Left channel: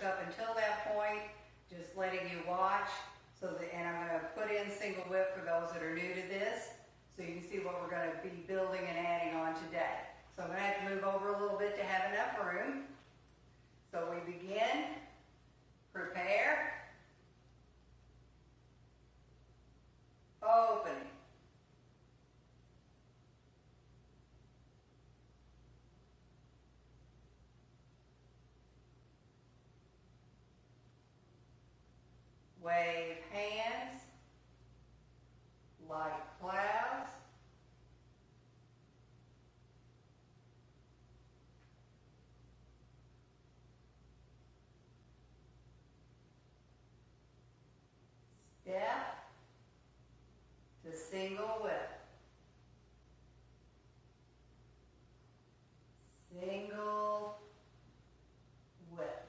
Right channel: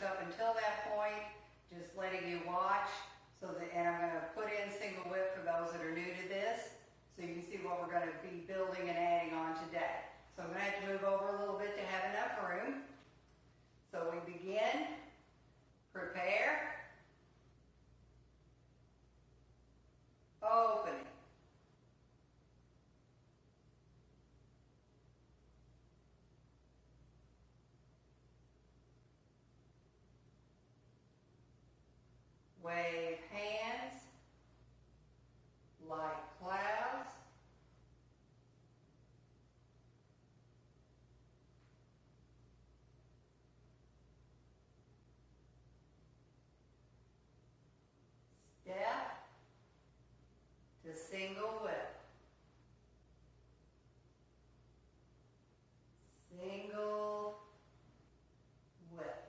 shoulders up until that point, just letting you watch. And I'm going to put in single whip for those that are new to this, so you can see what we're going to be building and adding on today. So I'm going to have to move over a little bit to have enough room. So we begin, prepare, opening, wave hands like clouds, step to single whip, single whip.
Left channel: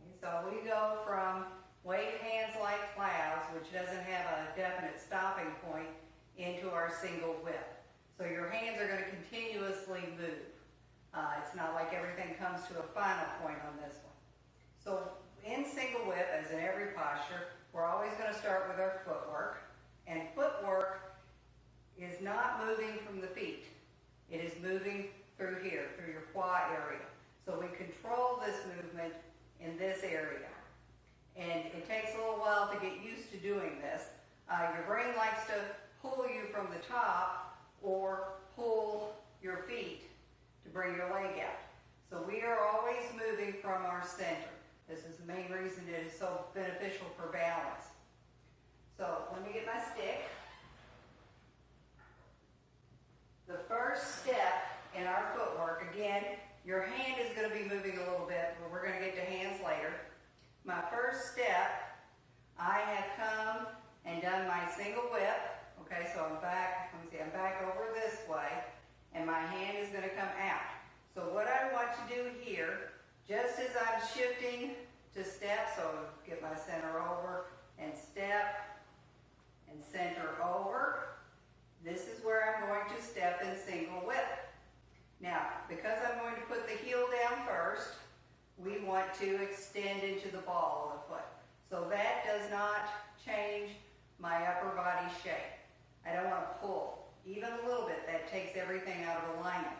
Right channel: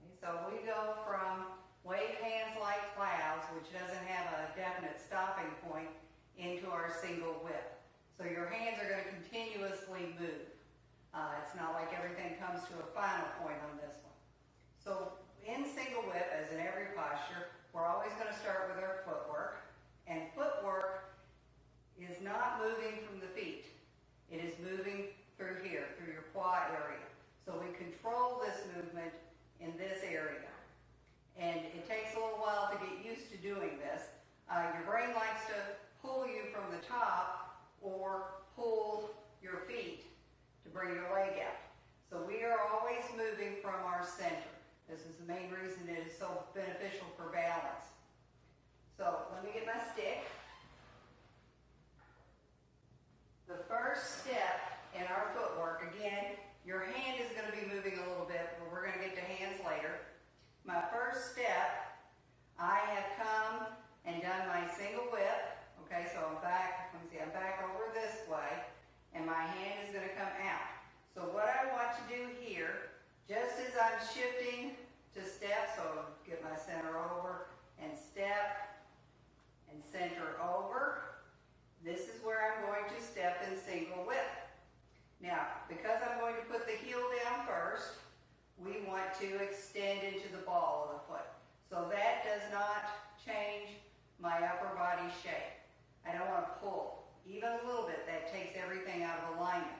Okay, so we go from wave hands like clouds, which doesn't have a definite stopping point, into our single whip. So your hands are going to continuously move. It's not like everything comes to a final point on this one. So in single whip, as in every posture, we're always going to start with our footwork. And footwork is not moving from the feet. It is moving through here, through your quad area. So we control this movement in this area. And it takes a little while to get used to doing this. Your brain likes to pull you from the top or pull your feet to bring your leg out. So we are always moving from our center. This is the main reason it is so beneficial for balance. So let me get my stick. The first step in our footwork, again, your hand is going to be moving a little bit, but we're going to get to hands later. My first step, I have come and done my single whip. Okay, so I'm back, let me see, I'm back over this way, and my hand is going to come out. So what I want to do here, just as I'm shifting to step, so get my center over and step and center over, this is where I'm going to step in single whip. Now, because I'm going to put the heel down first, we want to extend into the ball of the foot. So that does not change my upper body shape. I don't want to pull. Even a little bit, that takes everything out of alignment.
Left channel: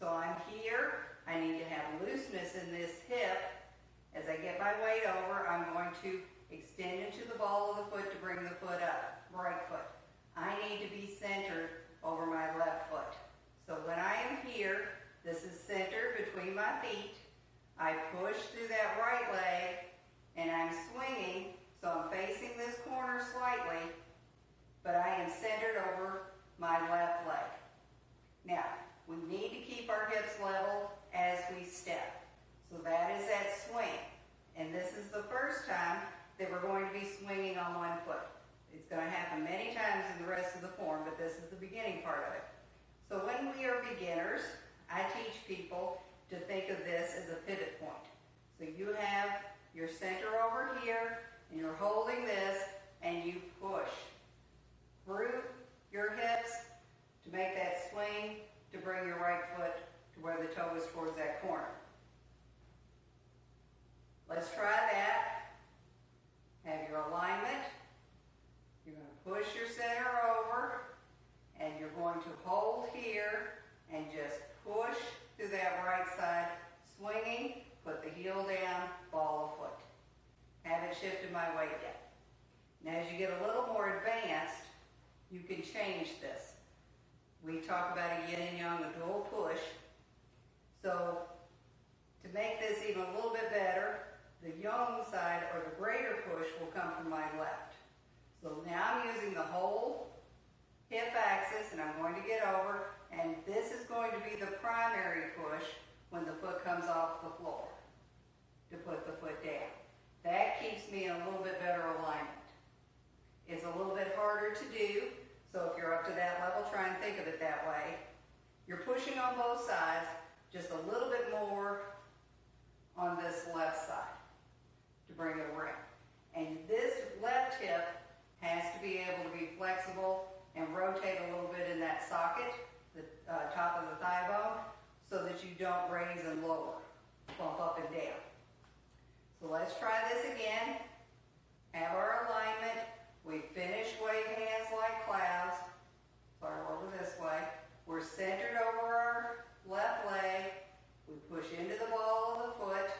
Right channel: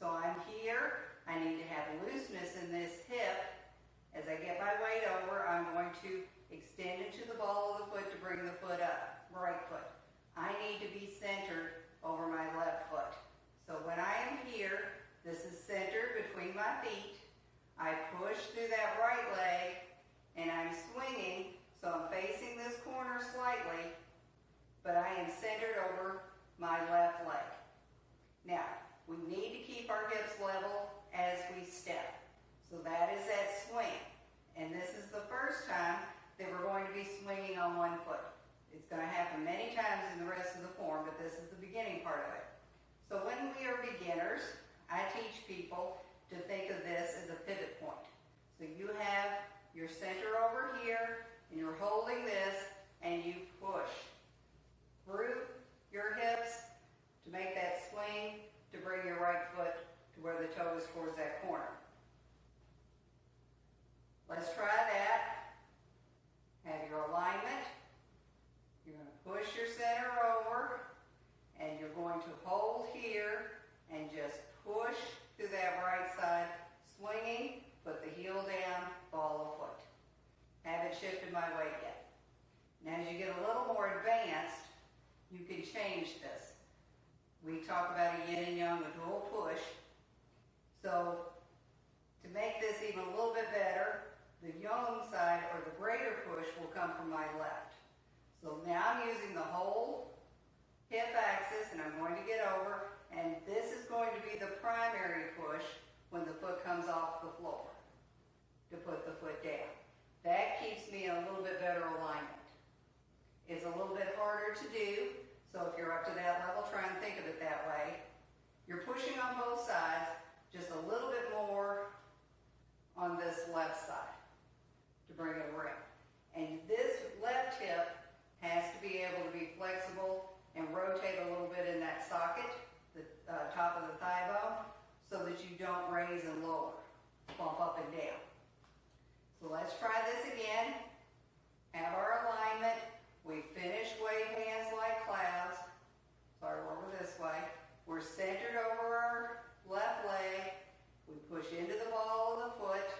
So I'm here. I need to have looseness in this hip. As I get my weight over, I'm going to extend into the ball of the foot to bring the foot up, right foot. I need to be centered over my left foot. So when I am here, this is centered between my feet. I push through that right leg, and I'm swinging, so I'm facing this corner slightly, but I am centered over my left leg. Now, we need to keep our hips level as we step. So that is that swing. And this is the first time that we're going to be swinging on one foot. It's going to happen many times in the rest of the form, but this is the beginning part of it. So when we are beginners, I teach people to think of this as a pivot point. So you have your center over here, and you're holding this, and you push through your hips to make that swing to bring your right foot to where the toe is towards that corner. Let's try that. Have your alignment. You're going to push your center over, and you're going to hold here and just push through that right side, swinging, put the heel down, ball of foot. Haven't shifted my weight yet. Now as you get a little more advanced, you can change this. We talk about a yin and yang, a dual push. So to make this even a little bit better, the yang side or the greater push will come from my left. So now I'm using the whole hip axis, and I'm going to get over, and this is going to be the primary push when the foot comes off the floor to put the foot down. That keeps me in a little bit better alignment. It's a little bit harder to do, so if you're up to that level, try and think of it that way. You're pushing on both sides, just a little bit more on this left side to bring it around. And this left hip has to be able to be flexible and rotate a little bit in that socket, the top of the thigh bone, so that that you don't raise and lower, bump up and down. So let's try this again. Have our alignment. We finished wave hands like clouds. Start over this way. We're centered over our left leg. We push into the ball of the foot,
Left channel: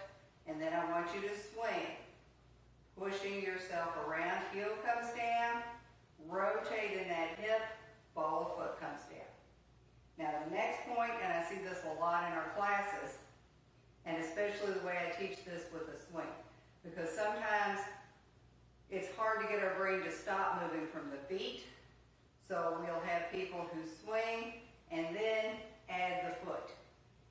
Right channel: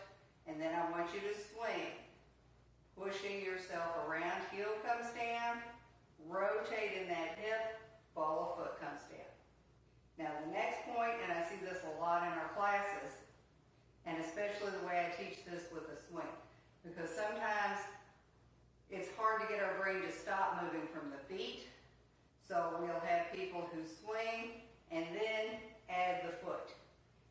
and then I want you to swing. Pushing yourself around, heel comes down, rotate in that hip, ball of foot comes down. Now the next point, and I see this a lot in our classes, and especially the way I teach this with a swing, because sometimes it's hard to get our brain to stop moving from the feet, so we'll have people who swing and then add the foot.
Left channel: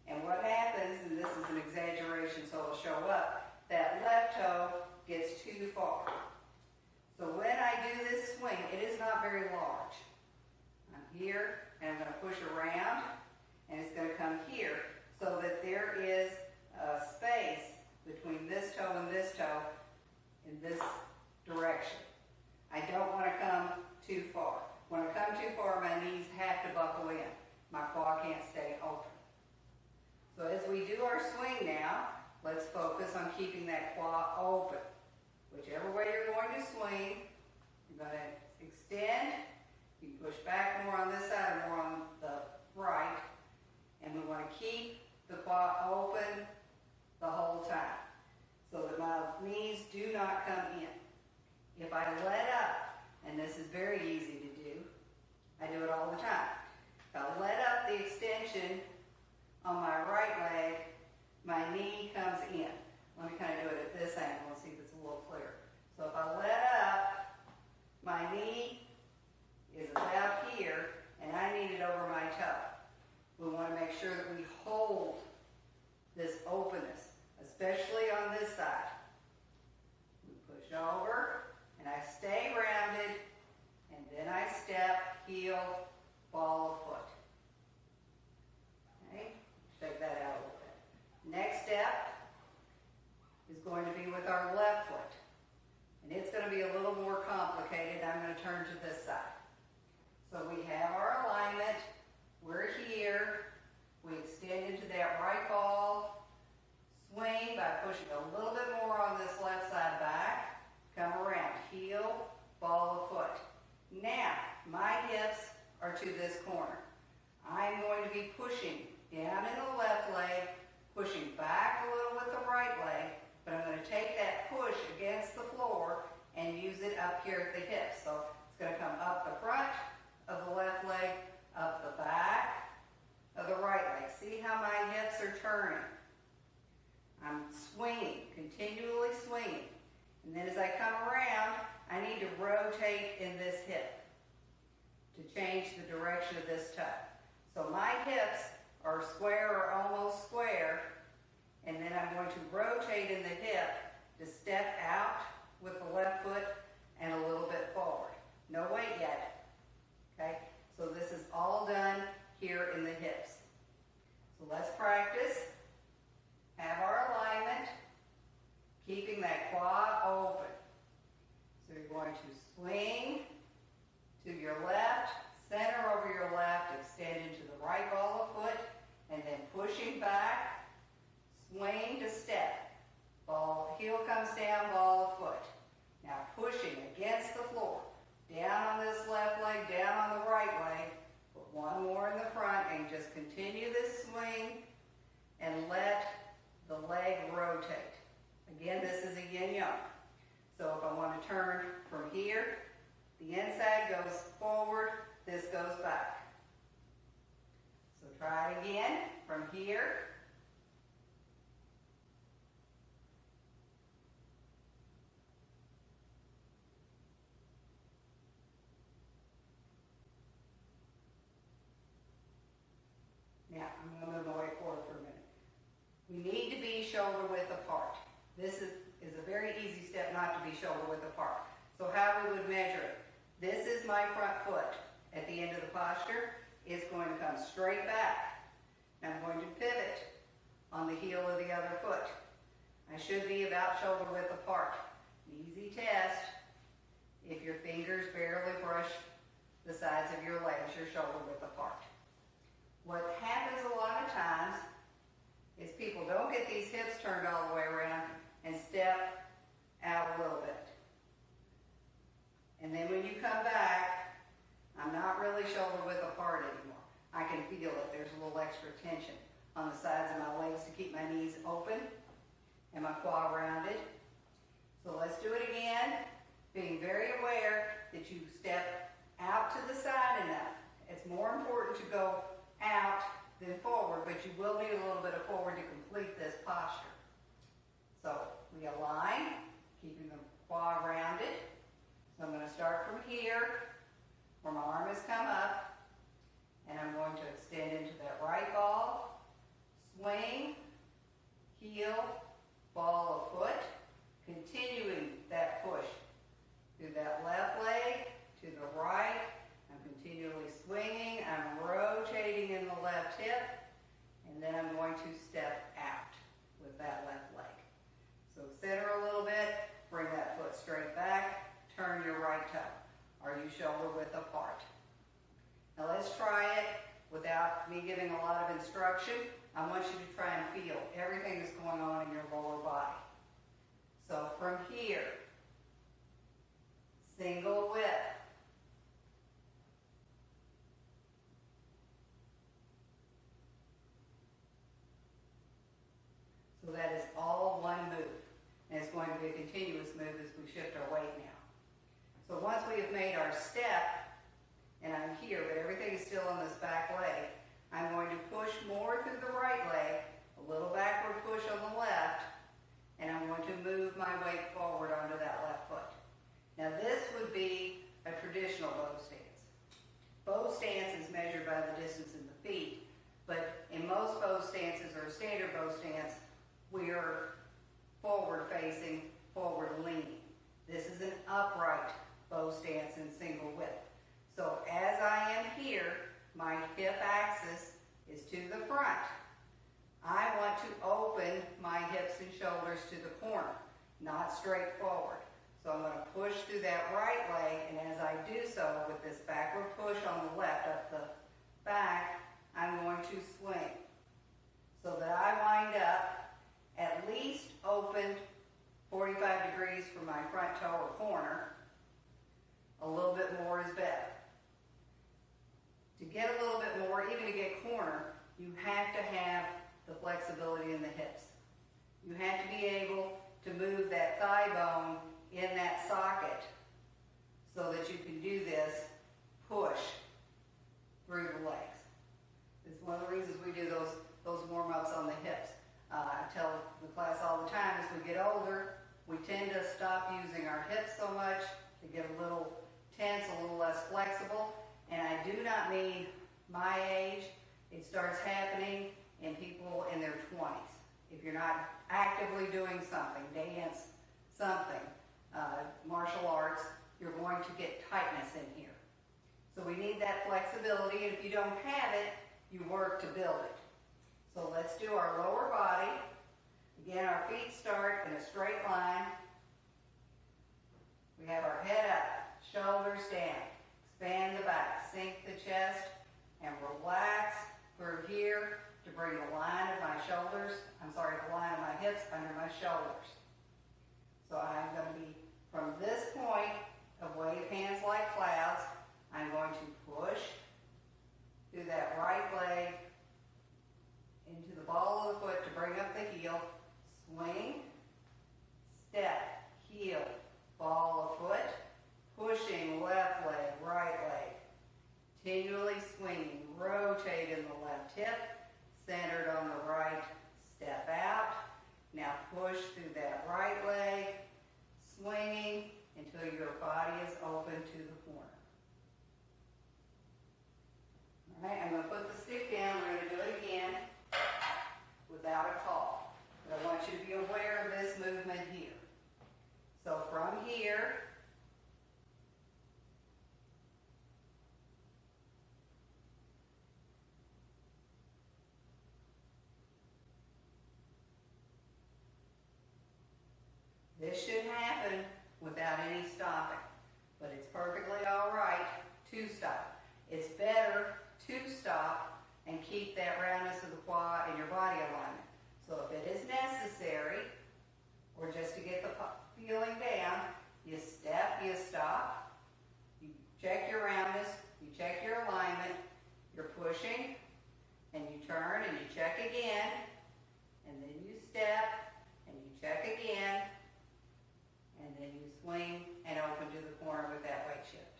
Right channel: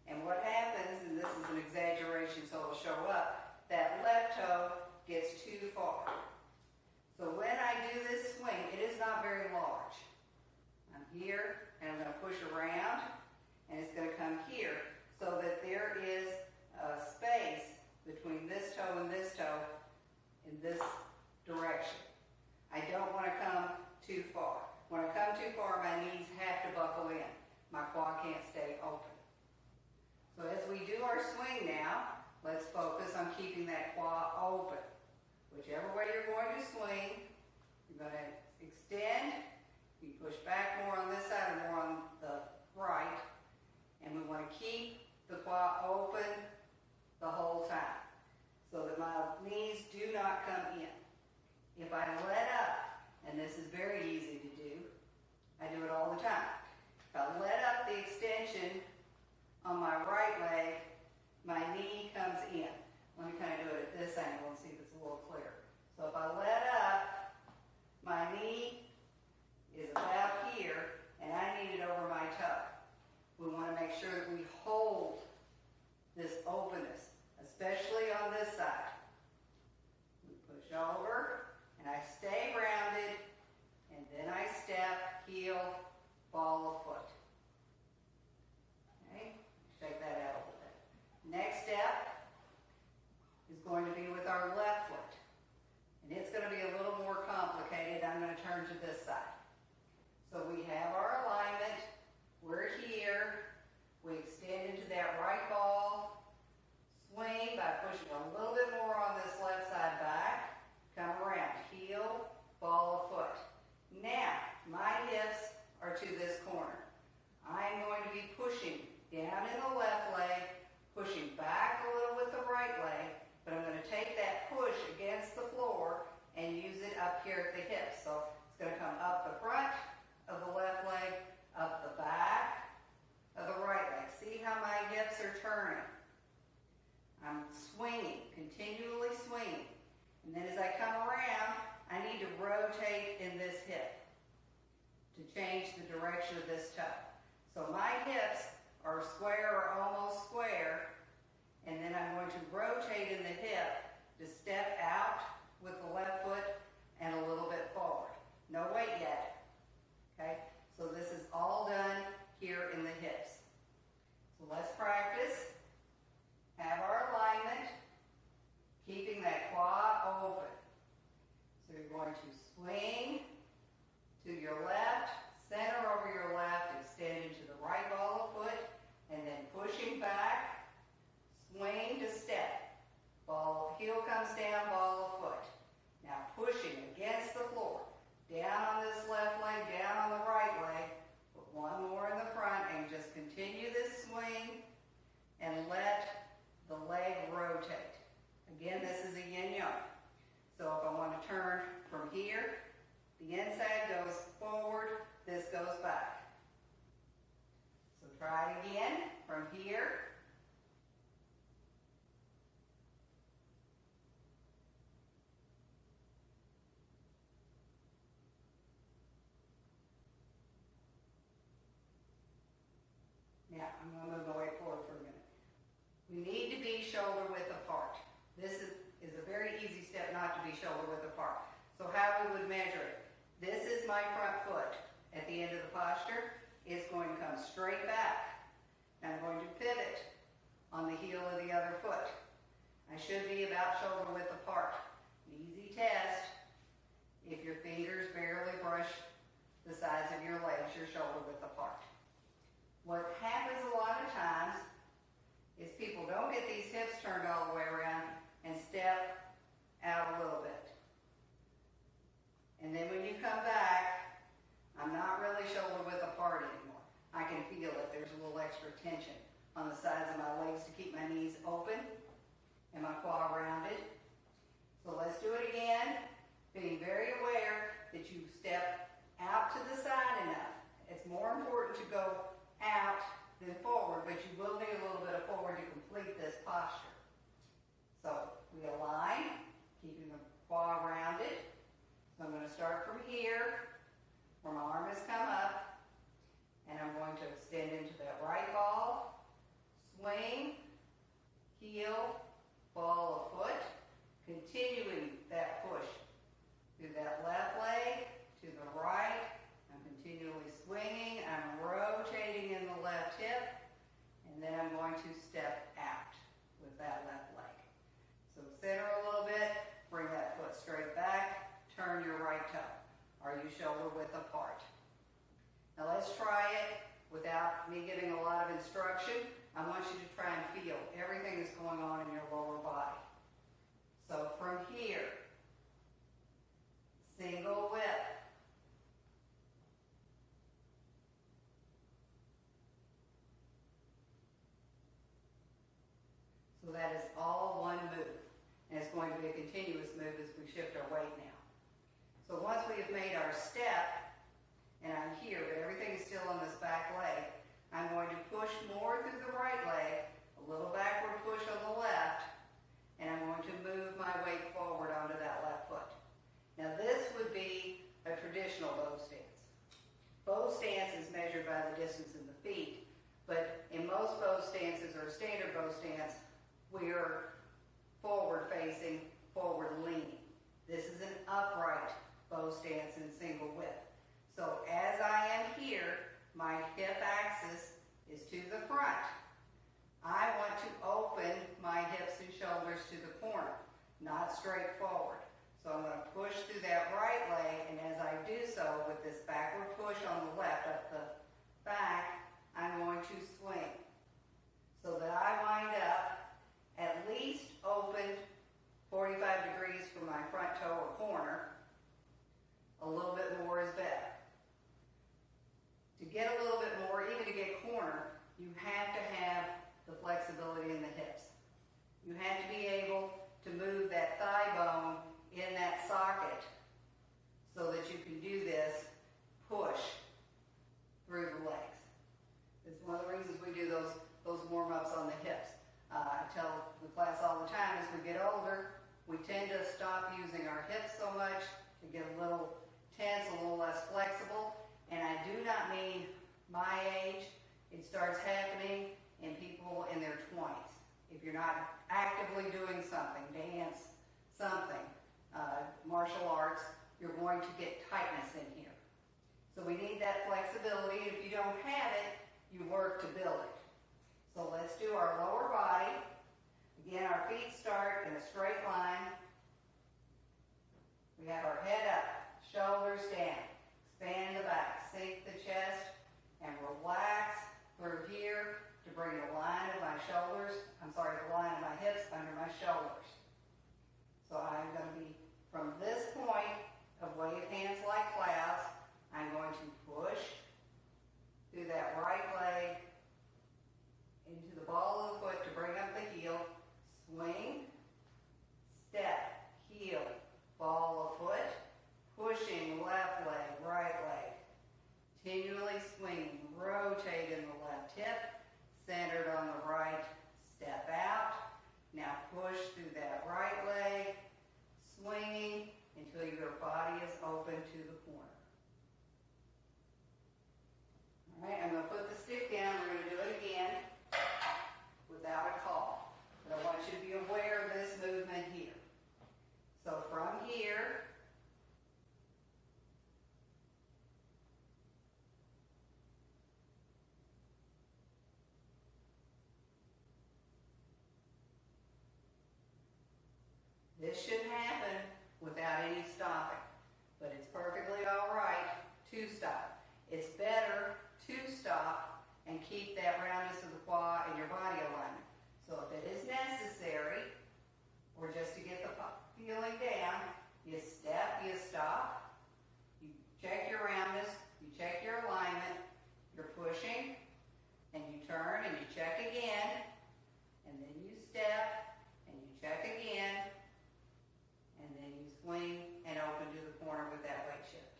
And what happens, and this is an exaggeration so it'll show up, that left toe gets too far. So when I do this swing, it is not very large. I'm here, and I'm going to push around, and it's going to come here, so that there is a space between this toe and this toe in this direction. I don't want to come too far. When I come too far, my knees have to buckle in. My quad can't stay open. So as we do our swing now, let's focus on keeping that quad open. Whichever way you're going to swing, you're going to extend. You push back more on this side or more on the right. And we want to keep the quad open the whole time so that my knees do not come in. If I let up, and this is very easy to do, I do it all the time. If I let up the extension on my right leg, my knee comes in. Let me kind of do it at this angle and see if it's a little clearer. So if I let up, my knee is about here, and I need it over my toe. We want to make sure that we hold this openness, especially on this side. We push over, and I stay rounded, and then I step, heel, ball of foot. Okay, shake that out a little bit. Next step is going to be with our left foot. And it's going to be a little more complicated. I'm going to turn to this side. So we have our alignment. We're here. We extend into that right ball. Swing by pushing a little bit more on this left side back. Come around. Heel, ball of foot. Now, my hips are to this corner. I'm going to be pushing down in the left leg, pushing back a little with the right leg, but I'm going to take that push against the floor and use it up here at the hips. So it's going to come up the front of the left leg, up the back of the right leg. See how my hips are turning? I'm swinging, continually swinging. And then as I come around, I need to rotate in this hip to change the direction of this toe. So my hips are square or almost square, and then I'm going to rotate in the hip to step out with the left foot and a little bit forward. No weight yet, okay? So this is all done here in the hips. So let's practice. Have our alignment, keeping that quad open. So you're going to swing to your left, center over your left, extend into the right ball of foot, and then pushing back, swing to step. Ball, heel comes down, ball of foot. Now pushing against the floor. Down on this left leg, down on the right leg. Put one more in the front and just continue this swing and let the leg rotate. Again, this is a yin-yang. So if I want to turn from here, the inside goes forward, this goes back. So try it again from here. Now, I'm going to move my way forward for a minute. We need to be shoulder width apart. This is a very easy step not to be shoulder width apart. So how we would measure it. This is my front foot. At the end of the posture, it's going to come straight back. I'm going to pivot on the heel of the other foot. I should be about shoulder width apart. An easy test. If your fingers barely brush the sides of your legs, you're shoulder width apart. What happens a lot of times on the sides of my legs to keep my knees open and my quad rounded. So let's do it again, being very aware that you step out to the side enough. It's more important to go out than forward, but you will need a little bit of forward to complete this posture. So we align, keeping the quad rounded. So I'm going to start from here, where my arm has come up, and I'm going to extend into that right ball, swing, heel, ball of foot, continuing that push through that left leg to the right. I'm continually swinging, I'm rotating in the left hip, and then I'm going to step out with that left leg. So center a little bit, bring that foot straight back, turn your right toe. Are you shoulder width apart? Now let's try it without me giving a lot of instruction. I want you to try and feel everything that's going on in your lower body. So from here, single whip. So that is all one move. And it's going to be a continuous move as we shift our weight now. So once we have made our step, and I'm here, but everything is still on this back leg, I'm going to push more through the right leg, a little backward push on the left, and I'm going to move my weight forward onto that left foot. Now this would be a traditional bow stance. Bow stance is measured by the distance in the feet, but in most bow stances or standard bow stance, we're forward facing, forward leaning. This is an upright bow stance in single whip. So as I am here, my hip axis is to the front. I want to open my hips and shoulders to the corner, not straight forward. So I'm going to push through that right leg, and as I do so with this backward push on the left up the back, I'm going to swing so that I wind up at least opened 45 degrees from my front toe or corner. A little bit more is better. To get a little bit more, even to get corner, you have to have the flexibility in the hips. You have to be able to move that thigh bone in that socket so that you can do this push through the legs. It's one of the reasons we do those warm-ups on the hips. I tell the class all the time, as we get older, we tend to stop using our hips so much, to get a little tense, a little less flexible. And I do not mean my age. It starts happening in people in their 20s. If you're not actively doing something, dance, something, martial arts, you're going to get tightness in here. So we need that flexibility, and if you don't have it, you work to build it. So let's do our lower body. Again, our feet start in a straight line. We have our head up, shoulders down. Expand the back, sink the chest, and relax through here to bring the line of my shoulders, the line of my hips under my shoulders. So I'm going to be, from this point of wave hands like clouds, I'm going to push through that right leg into the ball of the foot to bring up the heel, swing, step, heel, ball of foot, pushing left leg, right leg, continually swinging, rotate in the left hip, centered on the right, step out. Now push through that right leg, swinging until your body is open to the corner. All right, I'm going to put the stick down. We're going to do it again without a call. But I want you to be aware of this movement here. So from here, this should happen without any stopping, but it's perfectly all right to stop. It's better to stop and keep that roundness of the quad and your body alignment. So if it is necessary, or just to get the feeling down, you step, you stop, you check your roundness, you check your alignment, you're pushing, and you turn and you check again, and then you step and you check again, and then you swing and open to the corner with that weight shift.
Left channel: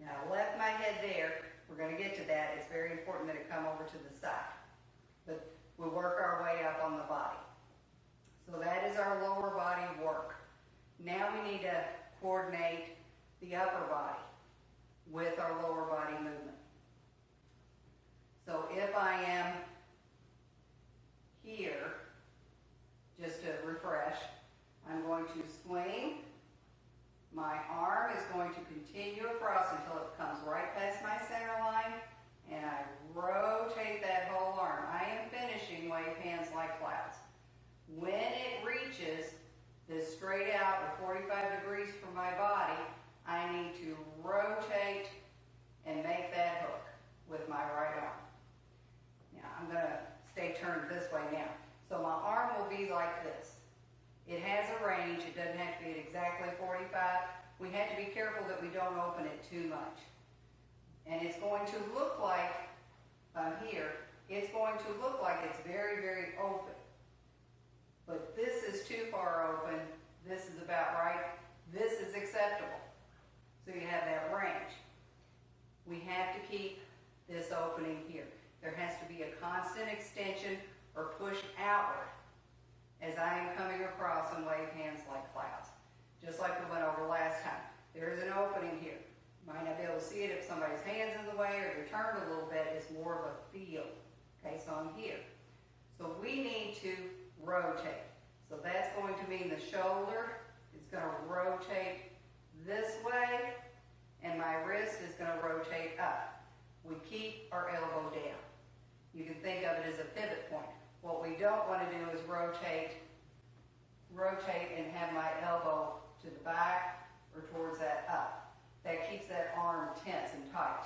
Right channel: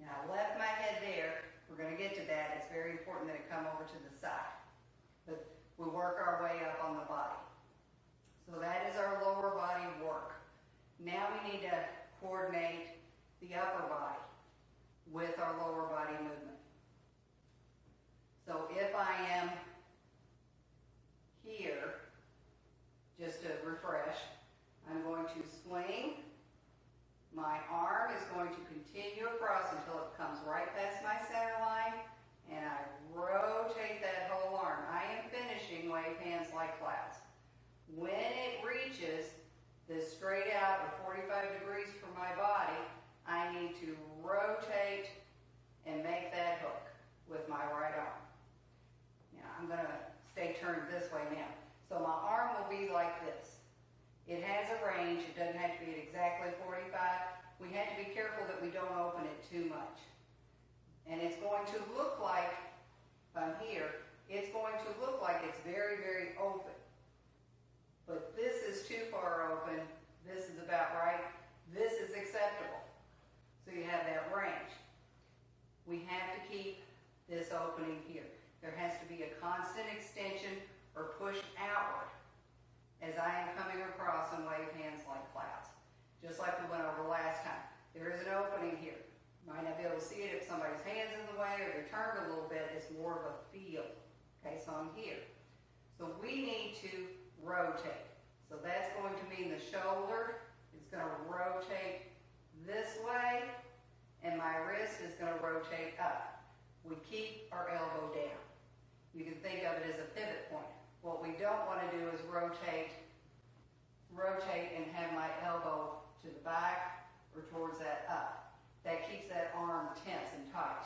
Now I left my head there. We're going to get to that. It's very important that it come over to the side. But we work our way up on the body. So that is our lower body work. Now we need to coordinate the upper body with our lower body movement. So if I am here, just to refresh, I'm going to swing. My arm is going to continue across until it comes right past my center line, and I rotate that whole arm. I am finishing wave hands like clouds. When it reaches this straight out with 45 degrees from my body, I need to rotate and make that hook with my right arm. Now I'm going to stay turned this way now. So my arm will be like this. It has a range. It doesn't have to be at exactly 45. We have to be careful that we don't open it too much. And it's going to look like, from here, it's going to look like it's very, very open. But this is too far open. This is about right. This is acceptable. So you have that range. We have to keep this opening here. There has to be a constant extension or push outward as I am coming across and wave hands like clouds. Just like we went over last time. There is an opening here. You might not be able to see it if somebody's hand's in the way or you're turned a little bit. It's more of a feel. Okay, so I'm here. So we need to rotate. So that's going to mean the shoulder is going to rotate this way, and my wrist is going to rotate up. We keep our elbow down. You can think of it as a pivot point. What we don't want to do is rotate and have my elbow to the back or towards that up. That keeps that arm tense and tight.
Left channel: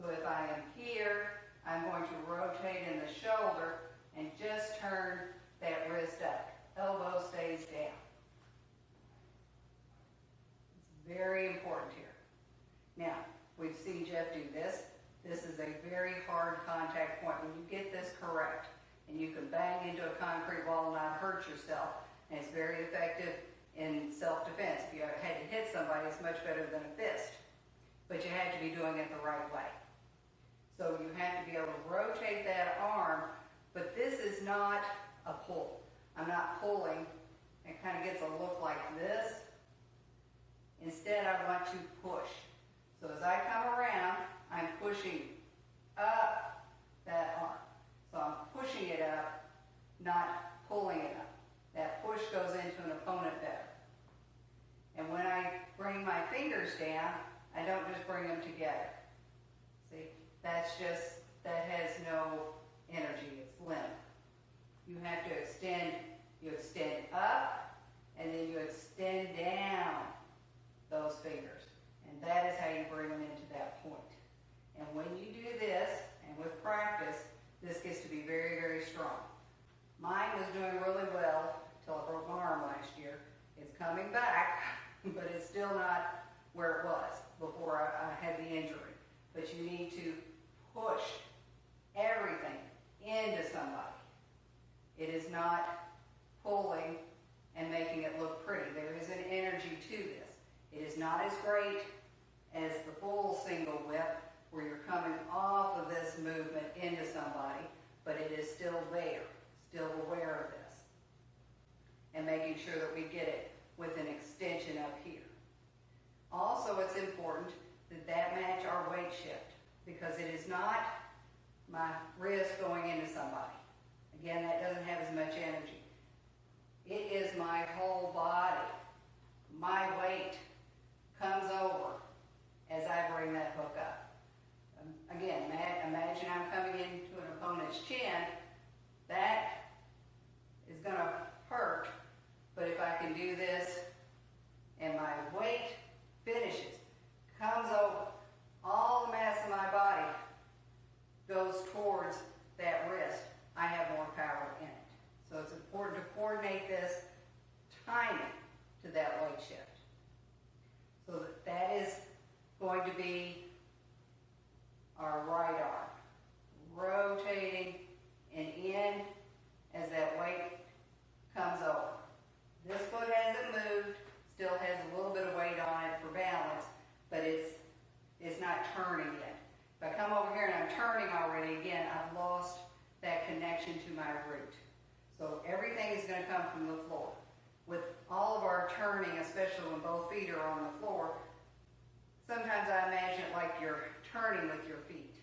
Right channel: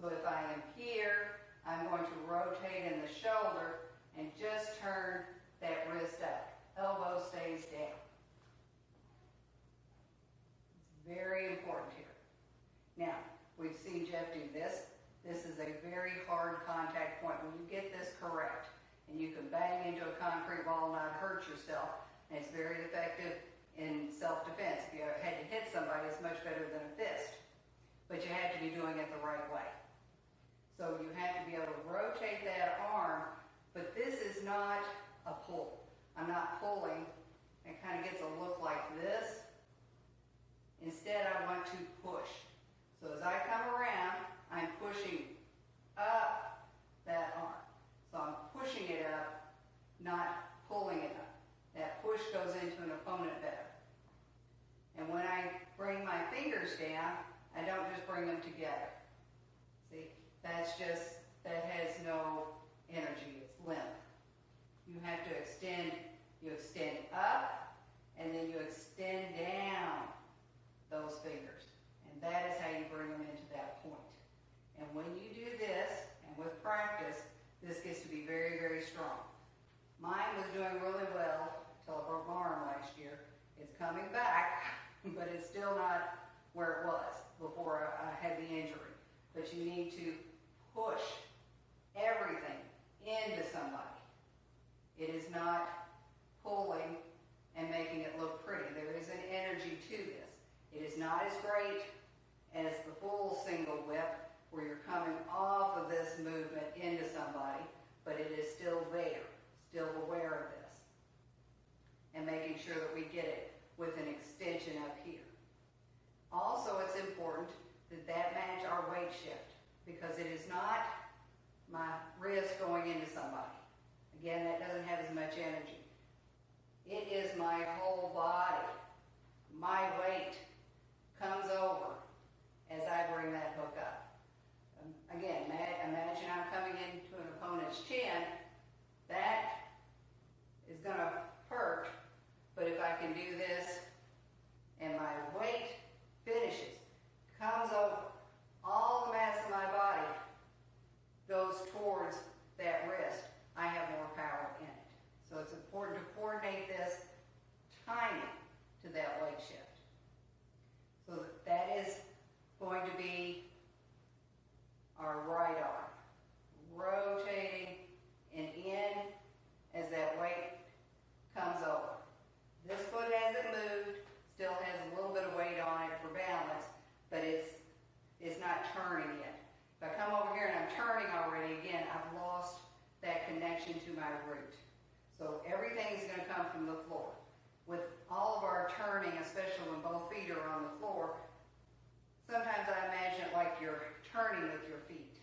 So if I am here, I'm going to rotate in the shoulder and just turn that wrist up. Elbow stays down. It's very important here. Now, we've seen Jeff do this. This is a very hard contact point. When you get this correct, and you can bang into a concrete wall and not hurt yourself, and it's very effective in self-defense. If you had to hit somebody, it's much better than a fist. But you have to be doing it the right way. So you have to be able to rotate that arm, but this is not a pull. I'm not pulling. It kind of gets a look like this. Instead, I want to push. So as I come around, I'm pushing up that arm. So I'm pushing it up, not pulling it up. That push goes into an opponent better. And when I bring my fingers down, I don't just bring them together. See, that has no energy, it's limp. You have to extend, you extend up, and then you extend down those fingers. And that is how you bring them into that point. And when you do this, and with practice, this gets to be very, very strong. Mine was doing really well until I broke my arm last year. It's coming back, but it's still not where it was before I had the injury. But you need to push everything into somebody. It is not pulling and making it look pretty. There is an energy to this. It is not as great as the full single whip where you're coming off of this movement into somebody, but it is still there, still aware of this. And making sure that we get it with an extension up here. Also, it's important that match our weight shift, because it is not my wrist going into somebody. Again, that doesn't have as much energy. It is my whole body. My weight comes over as I bring that hook up. Again, imagine I'm coming into an opponent's chin. That is going to hurt, but if I can do this and my weight finishes, comes over, all the mass of my body goes towards that wrist, I have more power in it. So it's important to coordinate this timing to that weight shift. So that is going to be our right arm, rotating root. So everything is going to come from the floor. With all of our turning, especially when both feet are on the floor, sometimes I imagine it like you're turning with your feet.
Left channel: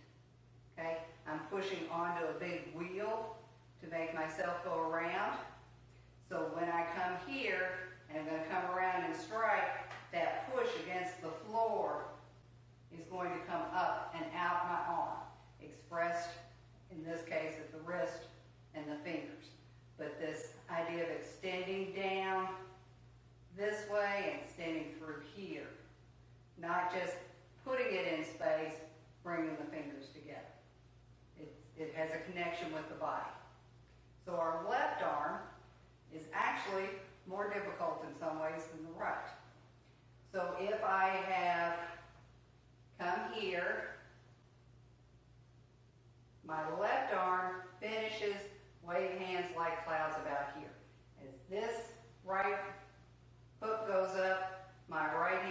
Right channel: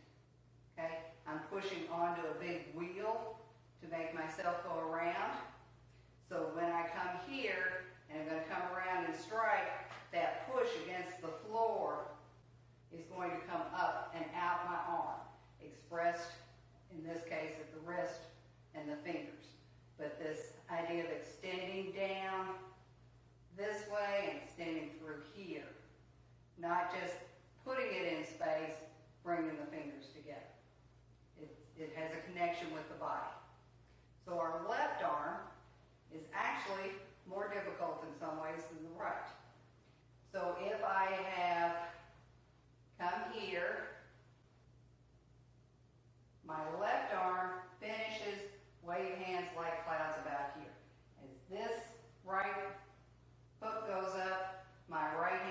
Okay? I'm pushing onto a big wheel to make myself go around. So when I come here, and I'm going to come around and strike, that push against the floor is going to come up and out my arm, expressed in this case at the wrist and the fingers. But this idea of extending down this way and extending through here, not just putting it in space, bringing the fingers together. It has a connection with the body. So our left arm is actually more difficult in some ways than the right. So if I have come here, my left arm finishes wave hands like clouds about here. As this right hook goes up, my left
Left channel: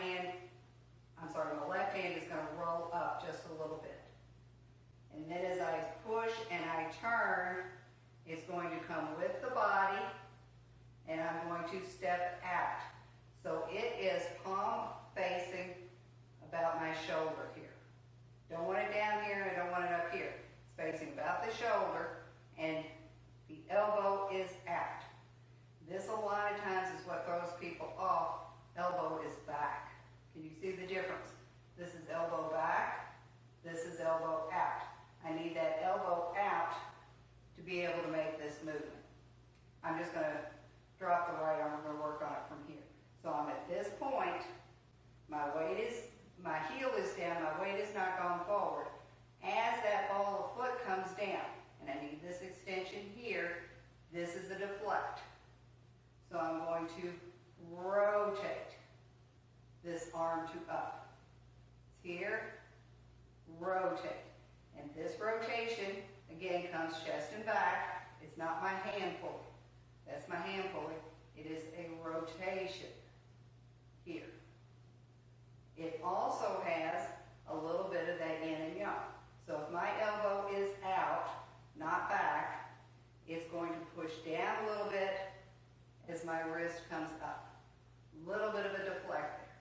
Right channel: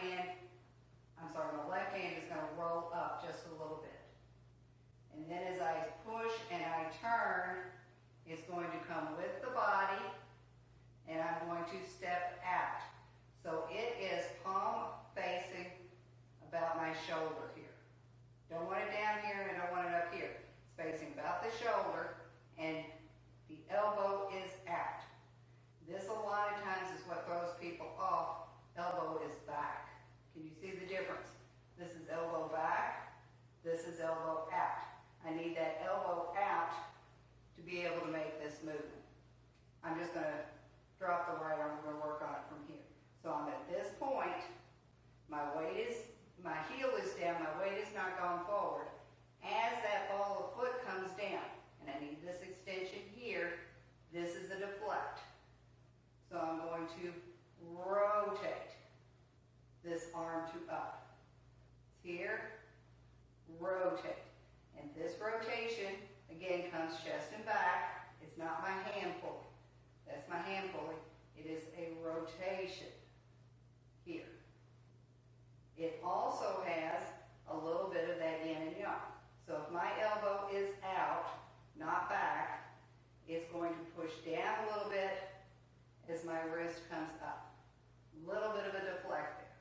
hand is going to roll up just a little bit. And then as I push and I turn, it's going to come with the body, and I'm going to step out. So it is palm facing about my shoulder here. Don't want it down here and I don't want it up here. It's facing about the shoulder, and the elbow is out. This a lot of times is what throws people off. Elbow is back. Can you see the difference? This is elbow back. This is elbow out. I need that elbow out to be able to make this movement. I'm just going to drop the right arm. We're going to work on it from here. So I'm at this point. My heel is down. My weight is not going forward. As that ball of foot comes down, and I need this extension here, this is a deflect. So I'm going to rotate this arm to up. It's here, rotate. And this rotation, again, comes chest and back. It's not my hand pulling. That's my hand pulling. It is a rotation here. It also has a little bit of that yin and yang. So if my elbow is out, not back, it's going to push down a little bit as my wrist comes up. A little bit of a deflect there.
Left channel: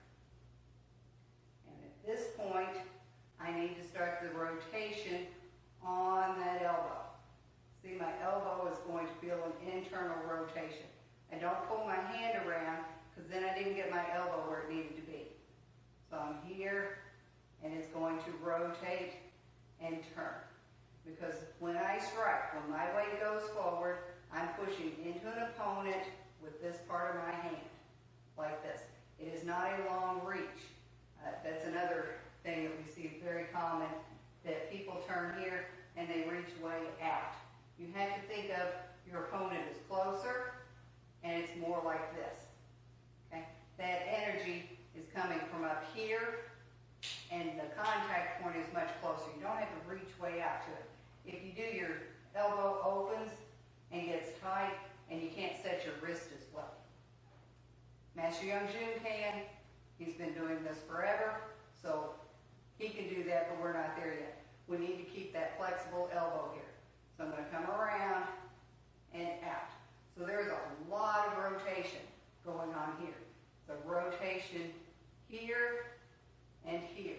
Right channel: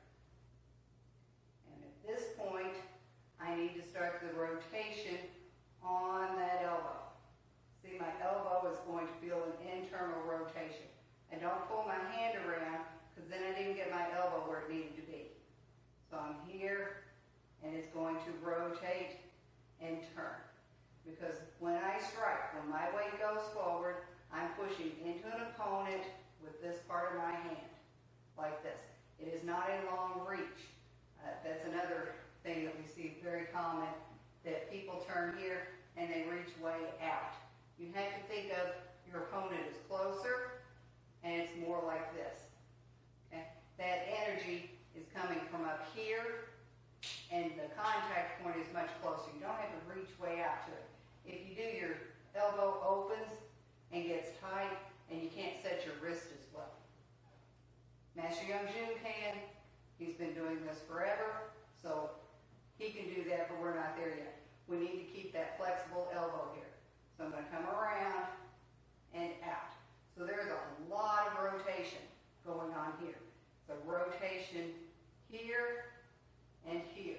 And at this point, I need to start the rotation on that elbow. See, my elbow is going to feel an internal rotation. I don't pull my hand around because then I didn't get my elbow where it needed to be. So I'm here, and it's going to rotate and turn. Because when I strike, when my weight goes forward, I'm pushing into an opponent with this part of my hand, like this. It is not a long reach. That's another thing that we see very common, that people turn here and they reach way out. You have to think of your opponent as closer, and it's more like this. Okay? That energy is coming from up here, and the contact point is much closer. You don't have to reach way out to it. If you do, your elbow opens and gets tight, and you can't set your wrist as well. Master Young Jun can. He's been doing this forever, so he can do that, but we're not there yet. We need to keep that flexible elbow here. So I'm going to come around and out. So there's a lot of rotation going on here. It's a rotation here and here.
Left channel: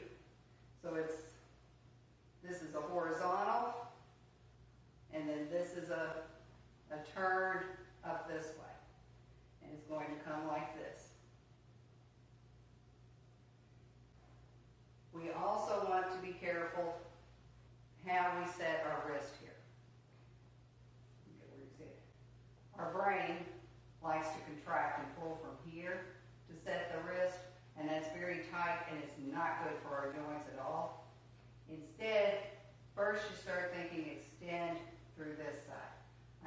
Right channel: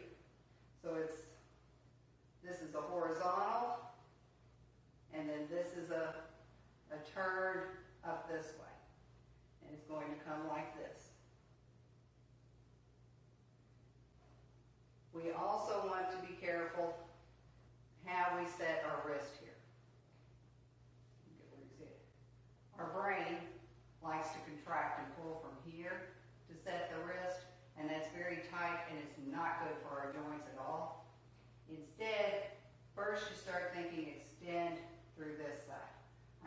So this is a horizontal, and then this is a turn up this way. And it's going to come like this. We also want to be careful how we set our wrist here. Our brain likes to contract and pull from here to set the wrist, and that's very tight, and it's not good for our joints at all. Instead, first you start thinking extend through this side.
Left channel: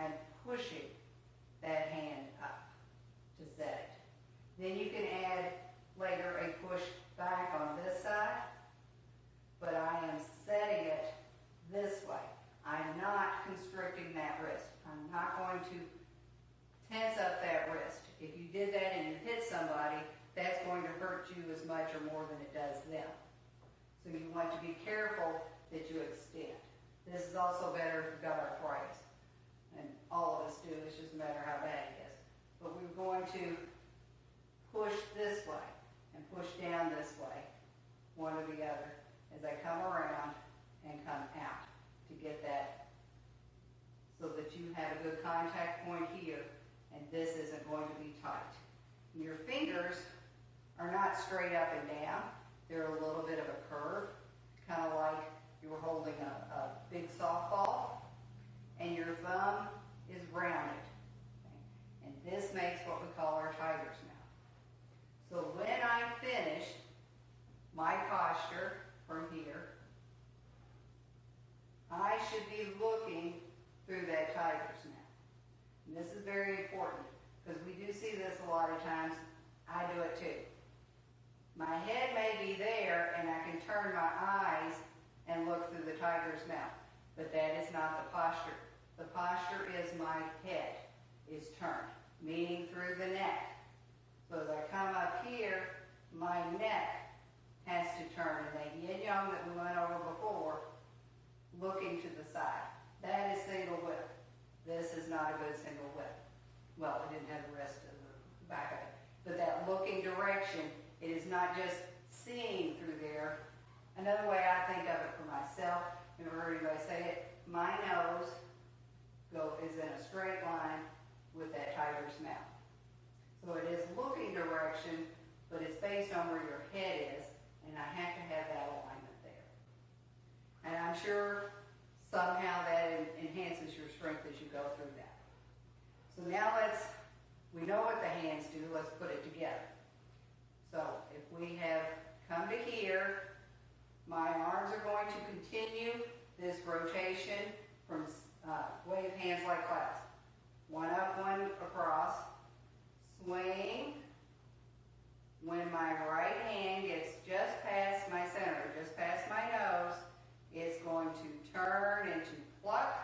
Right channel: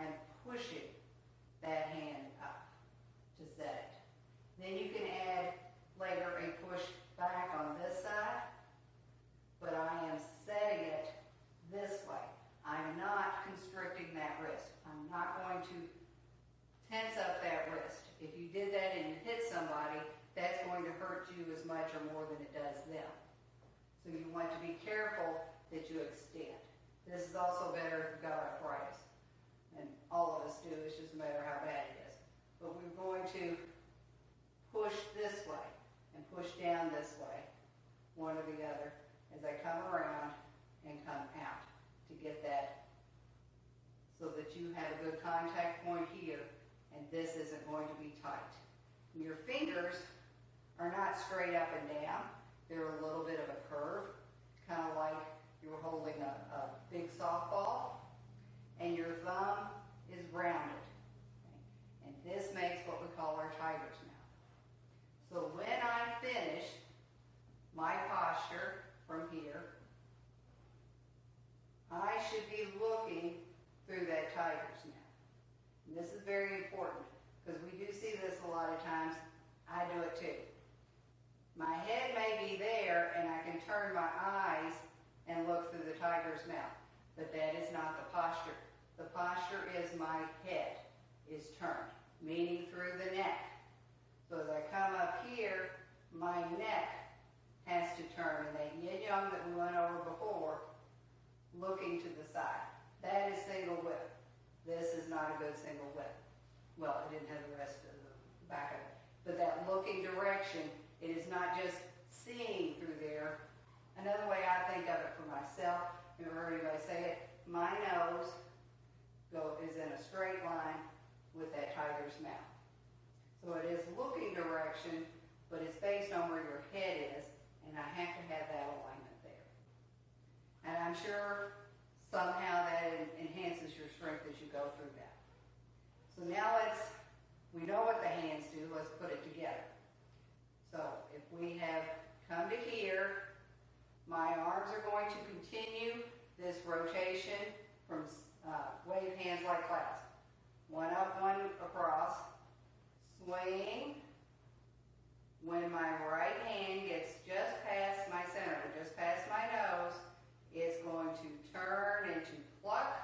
I'm pushing that hand up to set it. Then you can add later a push back on this side, but I am setting it this way. I'm not constricting that wrist. I'm not going to tense up that wrist. If you did that and you hit somebody, that's going to hurt you as much or more than it does them. So you want to be careful that you extend. This is also better if you've got arthritis. and all of us do, it's just a matter how bad it is. But we're going to push this way and push down this way, one or the other, as I come around and come out to get that so that you have a good contact point here, and this isn't going to be tight. Your fingers are not straight up and down. They're a little bit of a curve, kind of like you were holding a big softball, and your thumb is rounded. Okay? And this makes what we call our tiger's mouth. So when I finish my posture from here, I should be looking through that tiger's mouth. And this is very important because we do see this a lot of times. I do it too. My head may be there and I can turn my eyes and look through the tiger's mouth, but that is not the posture. The posture is my head is turned, meaning through the neck. So as I come up here, my neck has to turn, and that yin-yang that we went over before, looking to the side. That is single whip. This is not a good single whip. Well, it didn't have the rest of the back of it. But that looking direction, it is not just seeing through there. Another way I think of it for myself, never heard anybody say it, my nose is in a straight line with that tiger's mouth. So it is looking direction, but it's based on where your head is, and I have to have that alignment there. And I'm sure somehow that enhances your strength as you go through that. So now we know what the hands do, let's put it together. So if we have come to here, my arms are going to continue this rotation from wave hands like clouds. One up, one across, swing. When my right hand gets just past my center, just past my nose, it's going to turn into pluck.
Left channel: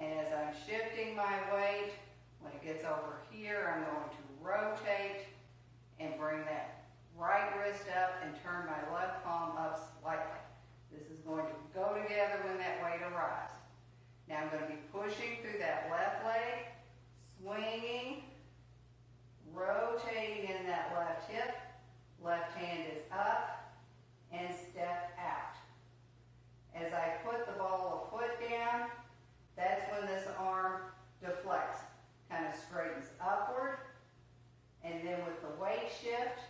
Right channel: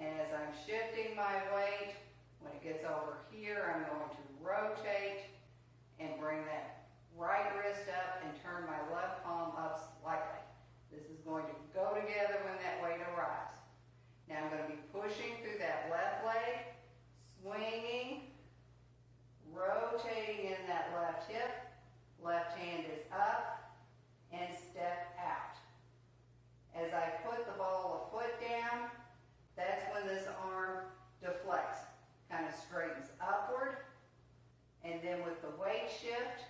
And as I'm shifting my weight, when it gets over here, I'm going to rotate and bring that right wrist up and turn my left palm up slightly. This is going to go together when that weight arrives. Now I'm going to be pushing through that left leg, swinging, rotating in that left hip. Left hand is up and step out. As I put the ball of foot down, that's when this arm deflects, kind of straightens upward. And then with the weight shift,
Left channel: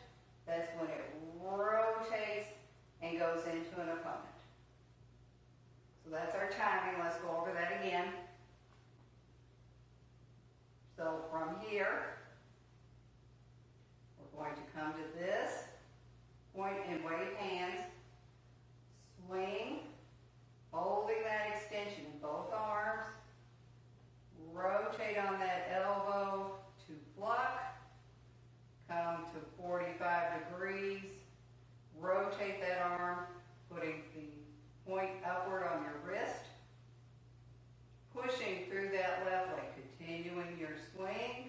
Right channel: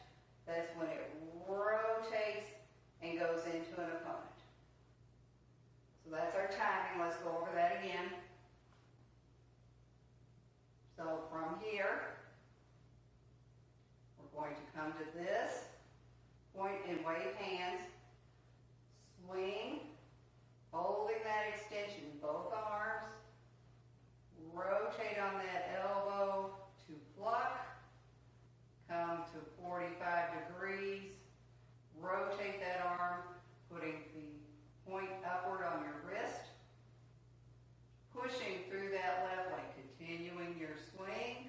that's when it rotates and goes into an opponent. So that's our timing. Let's go over that again. So from here, we're going to come to this point and wave hands, swing, holding that extension in both arms, rotate on that elbow to pluck, come to 45 degrees, rotate that arm, putting the point upward on your wrist, pushing through that left leg, continuing your swing,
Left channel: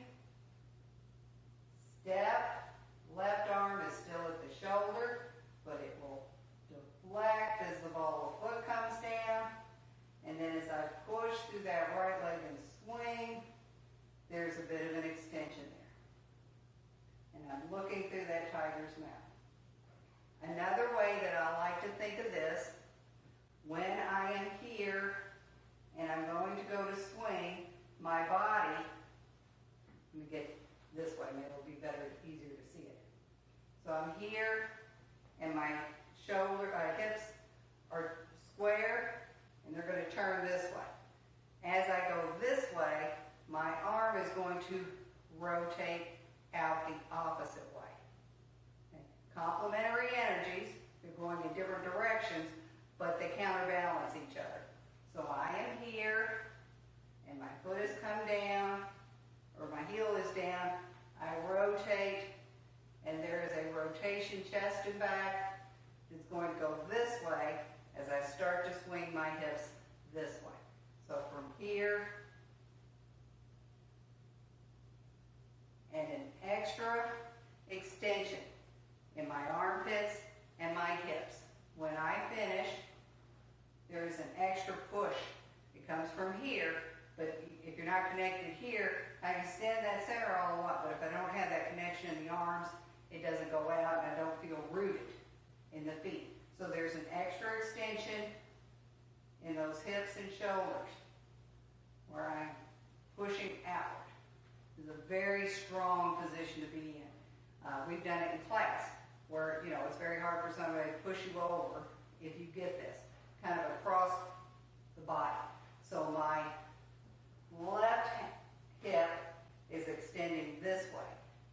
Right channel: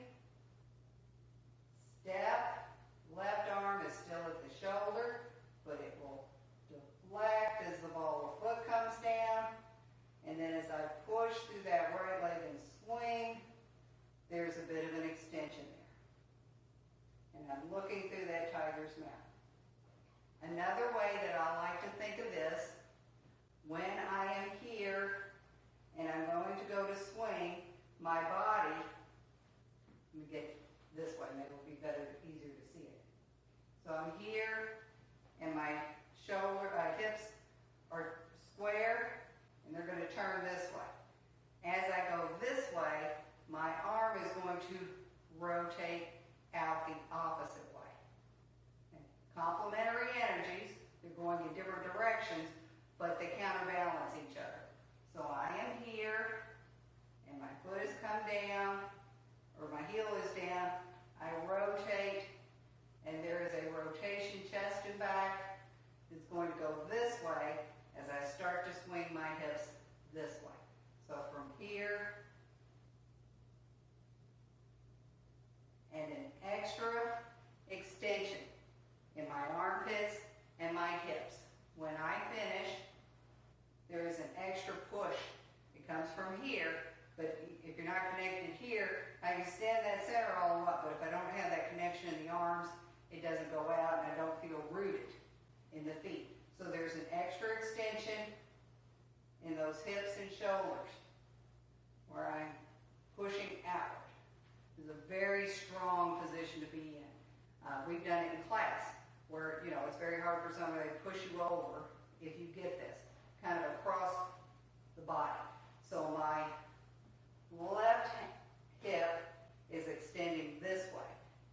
step, left arm is still at the shoulder, but it will deflect as the ball of foot comes down, and then as I push through that right leg and swing, there's a bit of an extension there. And I'm looking through that tiger's mouth. Another way that I like to think of this, when I am here and I'm going to go to swing, my body, let me get this way, maybe it'll be better, easier to see it. So I'm here and my hips are square and they're going to turn this way. As I go this way, my arm is going to rotate out the opposite way. Okay. Complementary energies, they're going in different directions, but they counterbalance each other. So I am here, and my foot has come down, or my heel is down, I rotate, and there is a rotation chest and back that's going to go this way as I start to swing my hips this way. So from here, and an extra extension in my armpits and my hips. When I finish, there is an extra push. It comes from here, but connected here, I extend that center all the way up, but if I don't have that connection in the arms, it doesn't go out and I don't feel rooted in the feet. So there's an extra extension in those hips and shoulders where I'm pushing outward. This is a very strong position to be in. We've done it in class where, you know, it's very hard for somebody to push you over if you get this, kind of across the body. So my left hip is extending this way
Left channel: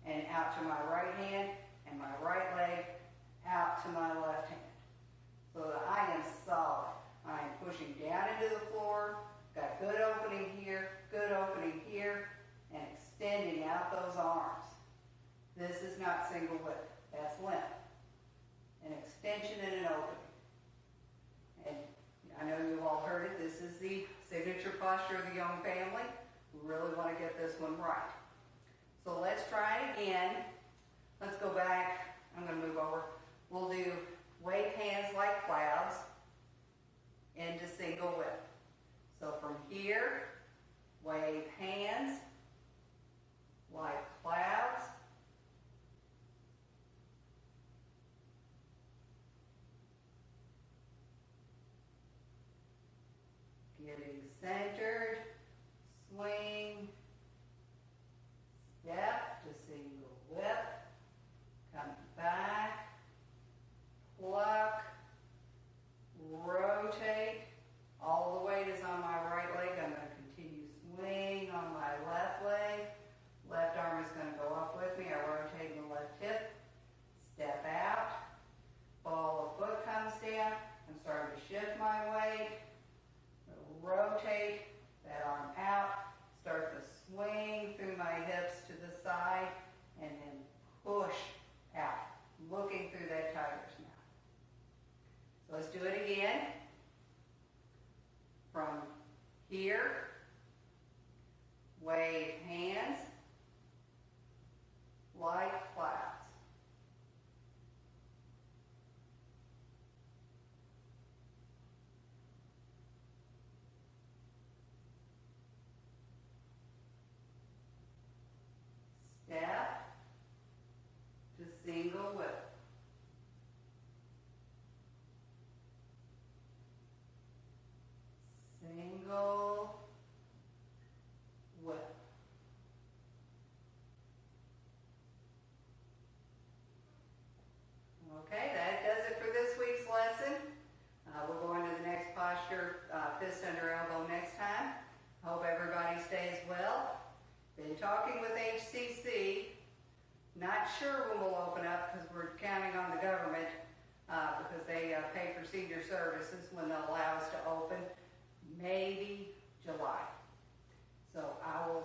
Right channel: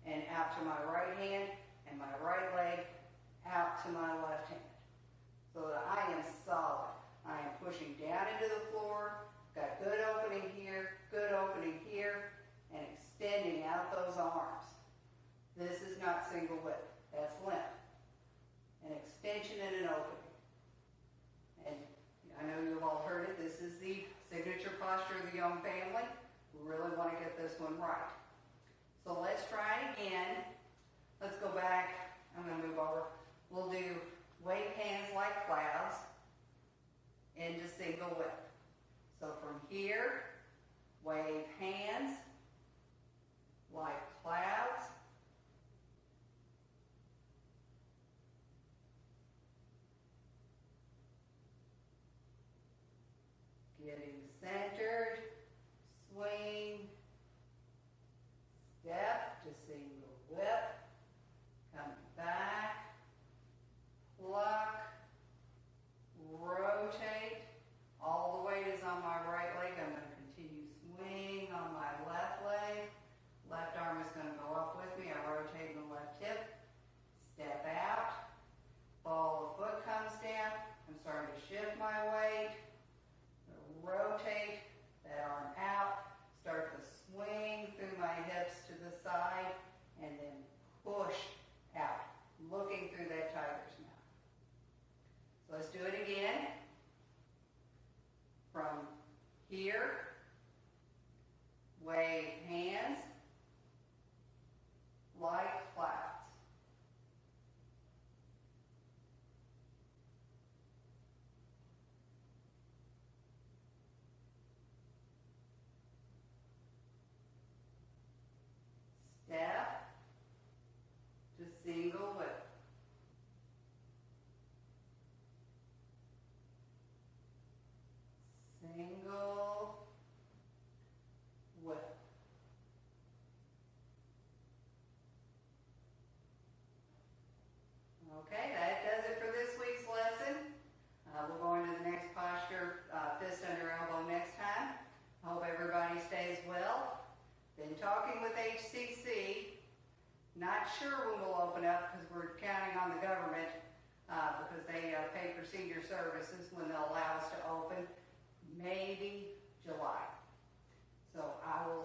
and out to my right hand and my right leg out to my left hand. So that I am solid. I am pushing down into the floor, got good opening here, and extending out those arms. This is not single whip, that's limp. An extension and an opening. And I know you've all heard it, this is the signature posture of the Young family. We really want to get this one right. So let's try it again. Let's go back, I'm going to move over. We'll do wave hands like clouds into single whip. So from here, wave hands like clouds. Getting centered, swing, step to single whip, coming back, pluck, rotate. All the weight is on my right leg. I'm going to continue swing on my left leg. Left arm is going to go up with me. I rotate my left hip, step out, ball of foot comes down. I'm starting to shift my weight. Rotate that arm out, start to swing through my hips to the side, and then push out, looking through that tiger's mouth. So let's do it again. From here, wave hands like clouds. Step to single whip. Single whip. Okay, that does it for this week's lesson. We'll go on to the next posture, fist under elbow next time. Hope everybody stays well. Been talking with HCC. Not sure when we'll open up because we're counting on the government because they pay for senior services when they'll allow us to open. Maybe July. So I will